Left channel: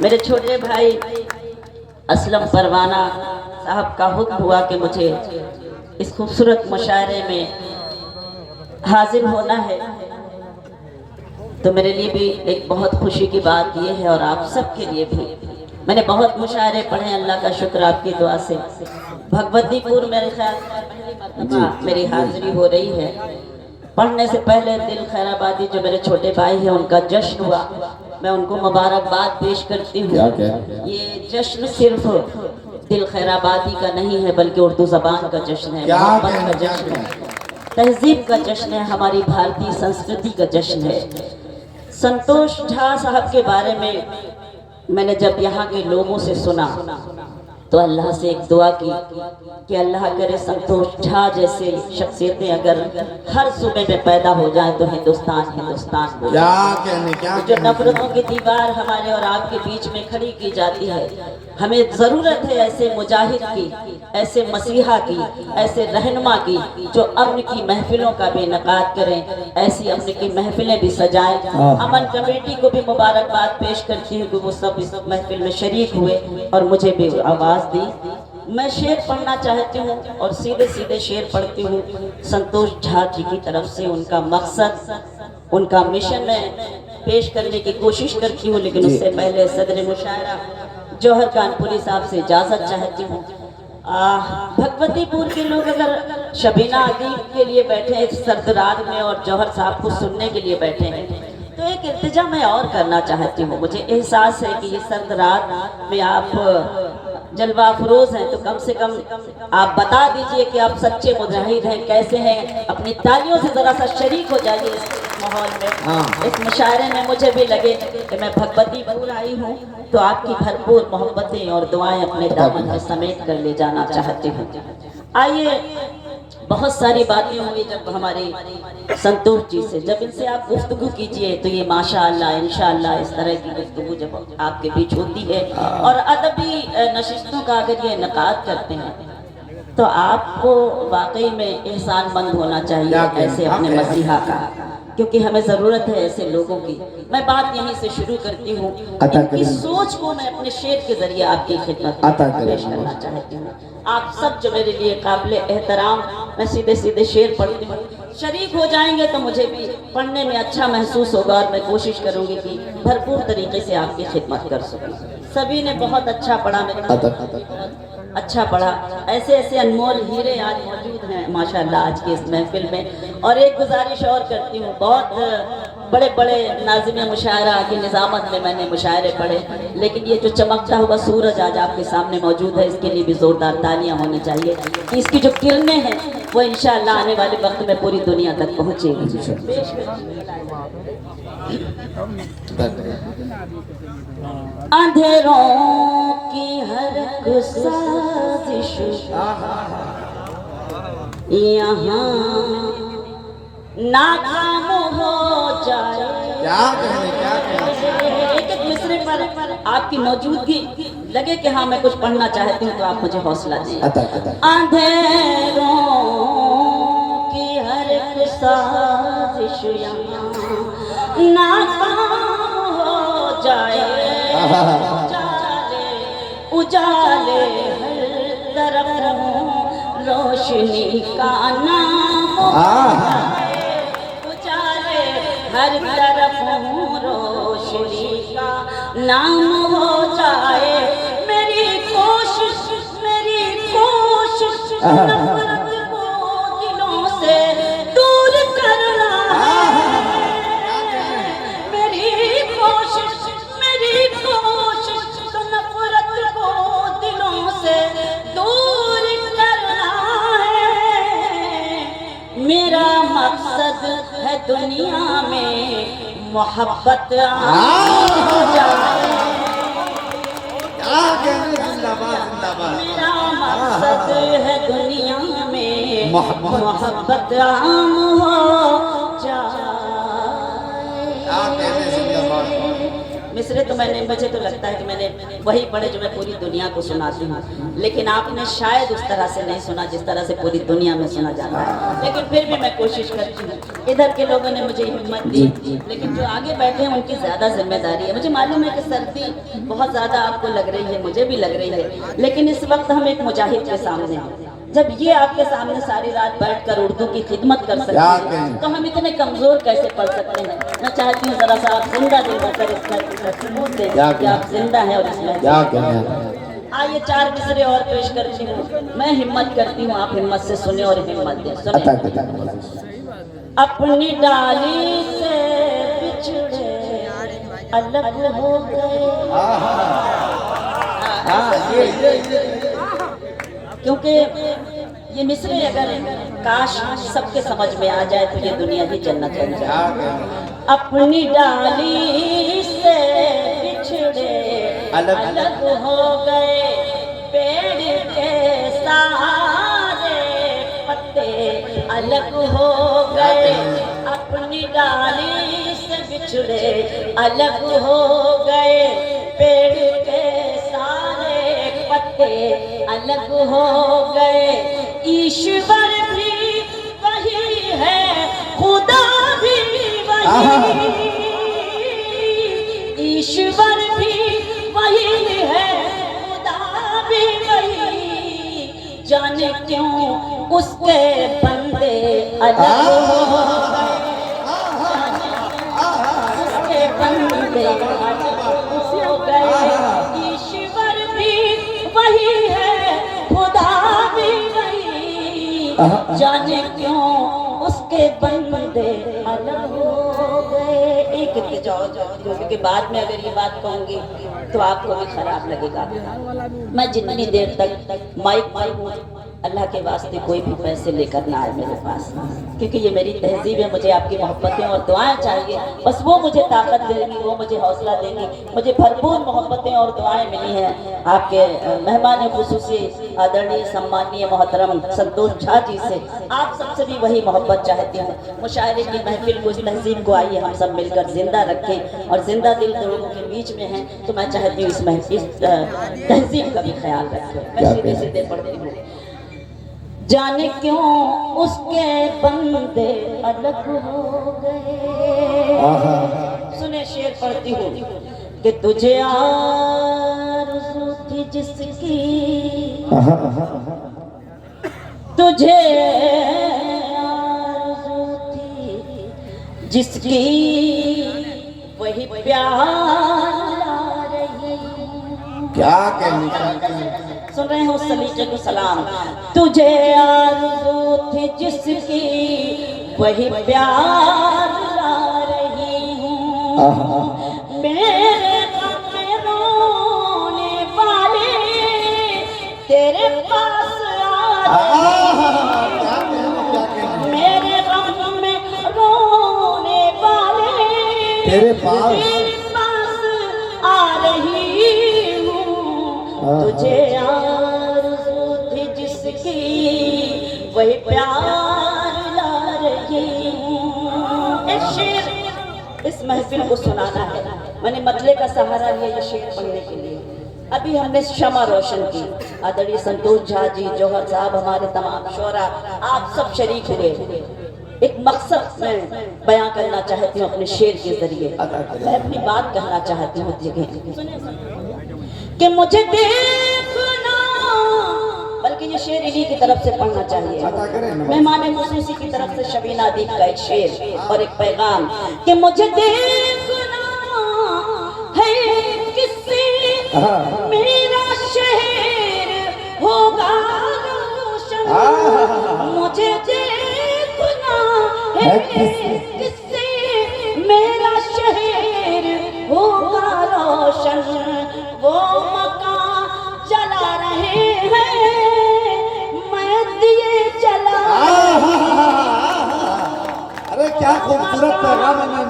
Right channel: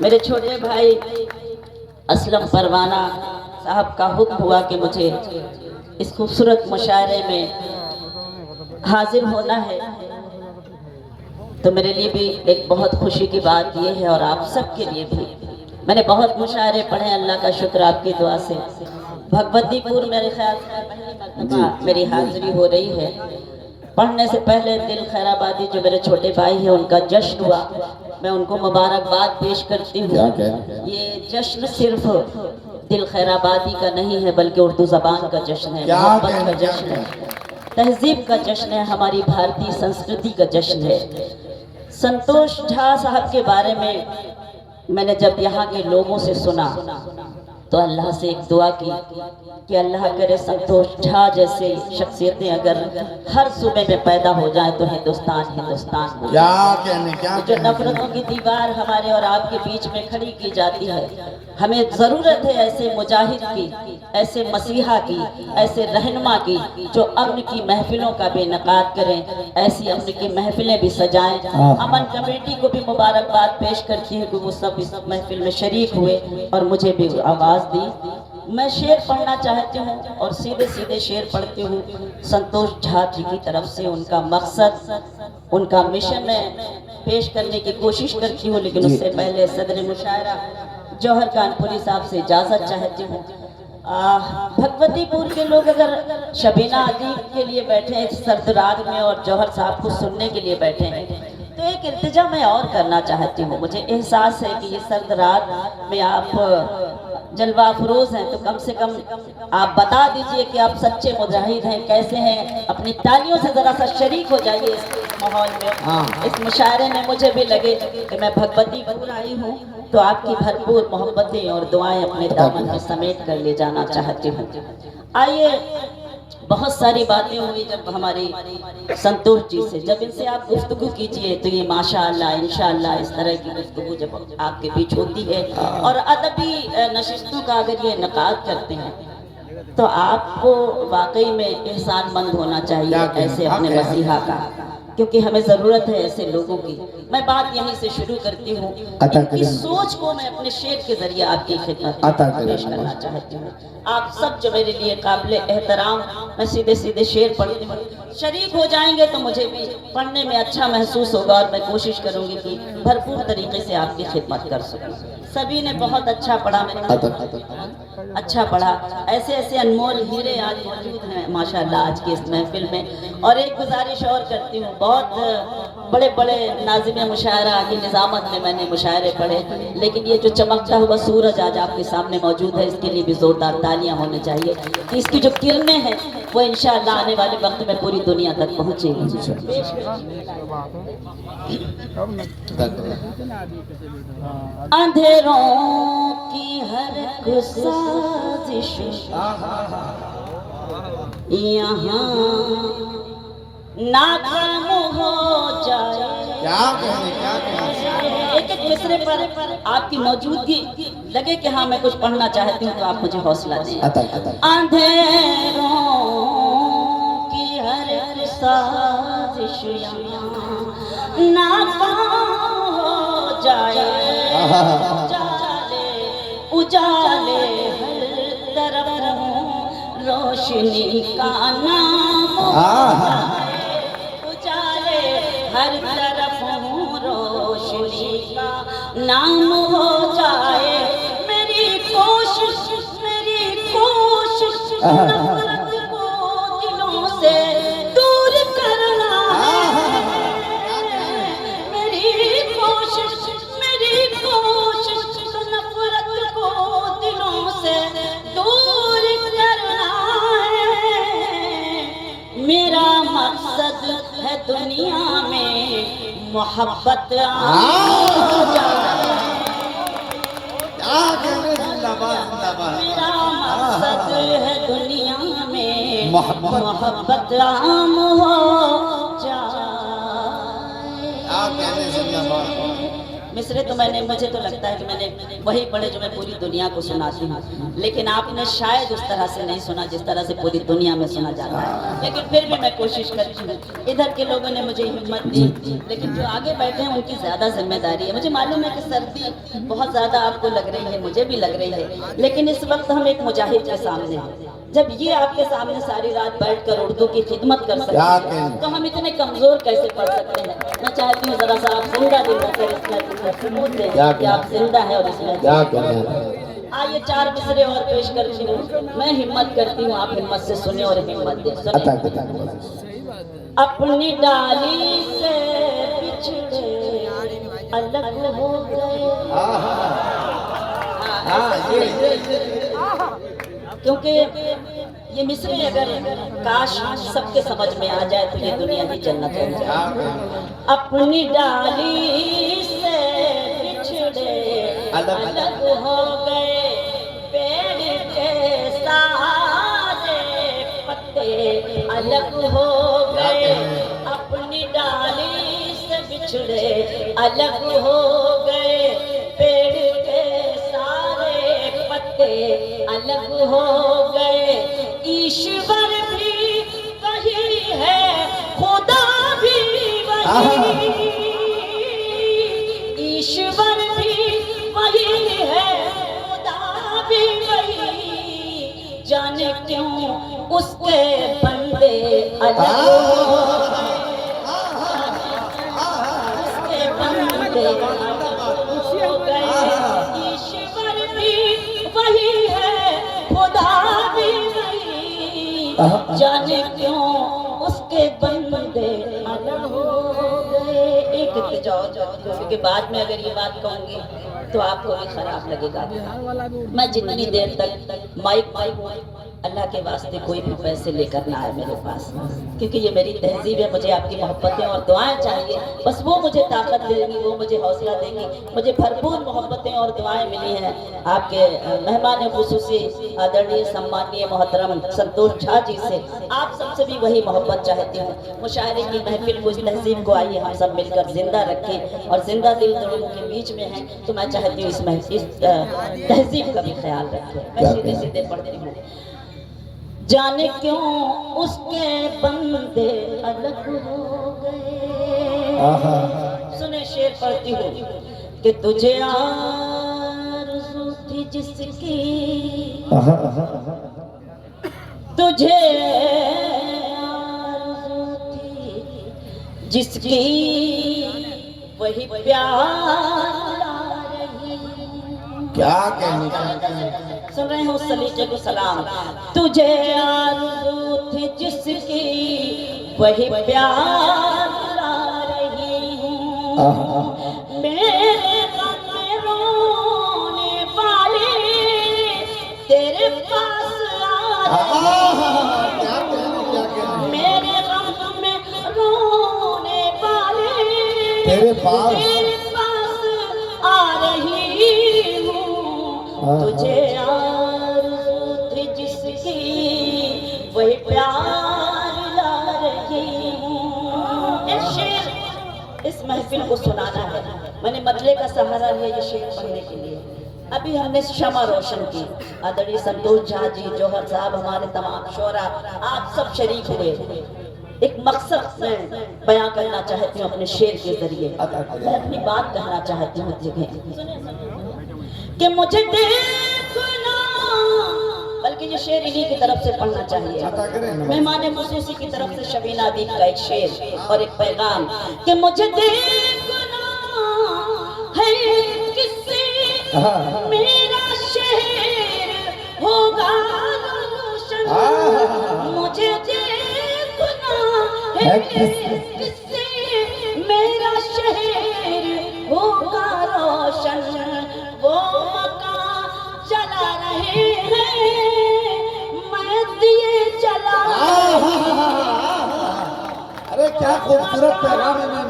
मेरे छोटे भाई असलम परवाना साहब का हुक्म हुआ कि मुझे इस खूबसूरत मुशायरे में हाजिर होना है, तो मेरे लिए भी एक बहुत खुशी की बात ये है और आप सबके लिए भी। मैंने बहुत मुशायरे पढ़े, अल्लाह का शुक्र आपकी दुआ से। भगवतीपुर मेरे ख्याल से पहली मरतबा मेरी हाजिरी हो रही है। पढ़ने से पहले दिल खैराबादी जो मेरे छोटे भाई हैं उनका जश्न हुआ, मैं उनको मुबारकबाद पेश करती हूँ। ये जश्न सिर्फ दिल खैराबादी का नहीं है बल्कि उर्दू ज़बान का जश्न है, मोहब्बत का जश्न है, तहजीब का जश्न है, हमारी भारतीय संस्कृति का जश्न है। संतोष झा साहब के बारे में मैंने जब यहाँ के लोगों से सुना तो अल्लाह से एक दुआ की कि अल्लाह करे संतोष झा जैसे शख्सियतें अगर हर सूबे में पैदा हो जाए तो हिंदुस्तान हिंदुस्तान हो जाए। जो नफरतों की दीवार हमारे और आपके बीच में खड़ी की जाती है, हमें ज़रूरत है ऐसे मुजाहिद की, ऐसे मसीहा की, ऐसे रहनुमा की जो अमन की महफिलों का भी इनेकाद करें, ऐसी अमन की महफिलें भी सजाएं। अमन कमेटी को भी मुबारकबाद पेश करती हूँ कि वो सब इस महफिल में शरीक हुए और मुझे भी आवाज़ दी। मैं शेर पढ़ना चाहती हूँ और सीधे सीधे शेर पढ़ती हूँ। संतोष झा जी की तरफ से उनका मकसद, उनका मिशन मैं पेश करने की कोशिश करती हूँ, लेकिन उससे पहले सदर मुशायरा जौहर कानपुरी साहब से इजाज़त चाहती हूँ। भगवतीपुर के लोग अगर शबीना अदीब के लिए बैठे हैं इस सर्द रात में और जौहर साहब को सुनने के लिए बैठे हैं, तो एक इल्तिजा मैं और करना चाहती हूँ। मुझे एहसास है कि ये सर्द रात में आप जलवा अफरोज हैं, तो कम से कम आप बता दीजिए कि आप सच्चे मुजाहिद हैं, कैसे हैं। अपनी तालियों से ज़रा सा शरीक हो जाइए इस माहौल में, इस मुशायरे में। मुझे भी लगे कि मैं भगवतीपुर आई हूँ तो आपकी भरपूर मोहब्बतें और दुआएं अपने दामन में समेट कर ले जाना चाहती हूँ। आइए, बहुत सारी बातें होंगी जब हमारे संतोष जी से, जब इनसे आप गुफ्तगू कीजिए तो ये माशाअल्लाह इंशाअल्लाह इस तरह की गुफ्तगू जब आपके बीच होती है और अदबी नशिस्तों का अगर ये इनेकाद करते हैं तो आपको वाकई में एहसानमंद होना चाहिए ऐसे अपने मसीहा का, क्योंकि हमें ज़रूरत है ऐसे लोगों की। मैं बात यहीं से शुरू करती हूँ। इनकी सोच को मैं अपने शेर के जरिए आपकी खिदमत में पेश करना चाहती हूँ। आप सब जो मेरे लिए काबिल एहतराम, मैं सीधे सीधे शेर पढ़ती हूँ, शरीक हो जाएंगे तो मुझे भी पढ़ने में अच्छा महसूस होगा और मैं कोशिश करूँगी कि भरपूर तरीके से आपकी खिदमत कर सकूँ। सभी ने बहुत अच्छा पढ़ा, मेरा अच्छा पढ़ा। ऐसे ऐसे अनमोल हीरे आज मौजूद हैं माशाअल्लाह आज की इस महफिल में। और एक गुजारिश और करती हूँ, बहुत बड़े बड़े नाज़िम मुशायरा की निज़ामत में मैंने मुशायरे पढ़े, लेकिन ये जो चमकता हुआ सूरज आज आपके सामने मौजूद है, इसके लिए भी ज़ोरदार तालियां होनी चाहिए कि इसकी जो किरणें हैं वो इंशाअल्लाह आने वाले वक्त में पूरी दुनिया तक पहुँचेगी। अंधेरों की हर साजिश यहाँ नाकाम हो जाए। एक एक मिसरे पर आपकी मौजूदगी लगे कि हाँ मैं कुछ पढ़ना चाहती हूँ तो आप मुझे हौसला दें। अंधेरों की हर साजिश यहाँ नाकाम हो जाए, उजाले हर तरफ रोशनी का नाम, उजाले हर तरफ रोशनी का नाम हो जाए। मेरी कोशिश नफरत को दिलों से दूर करना है। मेरी कोशिश नफरत को दिलों से दूर करना है। मेरा मकसद है दुनिया में मोहब्बत हो जाए। मेरा मकसद है दुनिया में मोहब्बत आम हो जाए। मिसरे तो मैंने, मुझे तो लगता है कि मैंने वही पढ़े जो मैं पूरी दुनिया को सुनाती हूँ, लेकिन आपने शायद उस तरह से नहीं सुना जिस तरह से पूरी दुनिया में सुना जाता है। लेकिन फिर भी मैं कोशिश करती हूँ। इधर के लोगों ने मुझे हिम्मत दी, लेकिन जो आगे बैठे हैं उनकी ज्यादा जिम्मेदारी है। मुझे मालूम है कि सर्दी बहुत ज्यादा आपको लग रही है, मुझे भी लग रही है, लेकिन इस वक्त हम एक मुजाहिद के सामने हैं। जब ये आपके सामने सारी रात बैठकर उर्दू की खिदमत कर सकते हैं, तो हम इतने कमजोर कैसे पढ़ सकते हैं। मैं चाहती हूँ जरा सा आप जिंदा दिल होकर कि आप जिंदा हैं और इसमें आइए 4 मिसरे और पेश करती हूँ। मैं हिम्मत करती हूँ, आप हिम्मत से सुने और हिम्मत दे। अपनी डाली से बिछड़े अलग हो गए, क्योंकि ये मिसरे अगर काश सबके समझ में आ जाए तो ये दुनिया भी जन्नत हो जाए। अपनी डाली से बिछड़े अलग हो गए, पेड़ के सारे पत्ते अलग हो गए। अपनी डाली से बिछड़े अलग हो गए, पेड़ के सारे पत्ते अलग हो गए। ईश्वर भी वही है, खुदा भी वही, ईश्वर भी वही है, खुदा भी वही। जाने क्यों उसके बंदे अलग हो गए, उसके बंदे अलग हो गए। ईश्वर भी वही है, खुदा भी वही। जाने क्यों उसके बंदे अलग हो गए। एक जाओ क्योंकि बाद में अगर ये बात कहूंगी तो आपको भी खराब लगेगा। मैं जितनी देर तक माइक अल्लाह के वास्ते कोई भी पैसे लेकर ना आए मेरे पास, क्योंकि ये मेरी तहजीब है। मुझे आपकी मोहब्बतें और दुआएं चाहिए, बस वो मुझे ताकत देंगी, वो मुझे हौसला देंगी। मुझे भरपूर मोहब्बतें और दुआएं मिली हैं आपके मेहमान खुसूसी आदरणीय सम्मानीय मोहतरम संतोष झा जी से। आप सबसे भी वही मोहब्बत चाहती हूँ। मुशायरे की महफिल को, इस तहजीब को आइए हम सब मिलकर जिंदा रखें, और जिंदा दिल तो लोगों के बीच में है, तो मैं चाहती हूँ इस तहजीब का भी ख्याल रखें। मैं सीधे सीधे पढ़ती हूँ। जाने क्यों उसके बंदे अलग हो गए। सुने शेर पढ़ती हूँ कि तुझे आरज़ू थी जिसकी, तुझे आरज़ू थी जिसकी, वही प्यार रही। क्या कहने सुन रहे हैं उस सलीके को सलाम। तुझे आरज़ू थी जिसकी, वही प्यार ला रही हूँ। मेरे गम में रोने वाले तेरे पास आ, मेरे गम में रोने वाले तेरे पास आ रही हूँ। तुझे वही प्यार ला रही हूँ। एक शेर इस महफिल को सुनाना है। मैंने मतले का सहारा लिया ये शेर पढ़ने के लिए। अभी हमने शमा रोशन की, आदरणीय संतोष झा जी, जौहर साहब, हमारे तमाम शोरा, आप सब शरीक हुए। एक मकसद में बयां करना चाहती हूँ अपने शेर के जरिए। मैं अपनी बात कहना चाहती हूँ कि मुझे देखना, बल्कि ये शेर इन्हीं की तरफ से पढ़ना चाहिए। मेहमान खुसूसी की तरफ से शबीना दीप का एक शेर और एक पैगाम कि मुझे देखना है किससे मेरा शहर होगा रोशन। मुझे देखना है किससे मेरा शहर होगा रोशन। वो मकान चला रहे हैं, मैं दिए चला। अरे क्या खूबसूरत पैगाम है।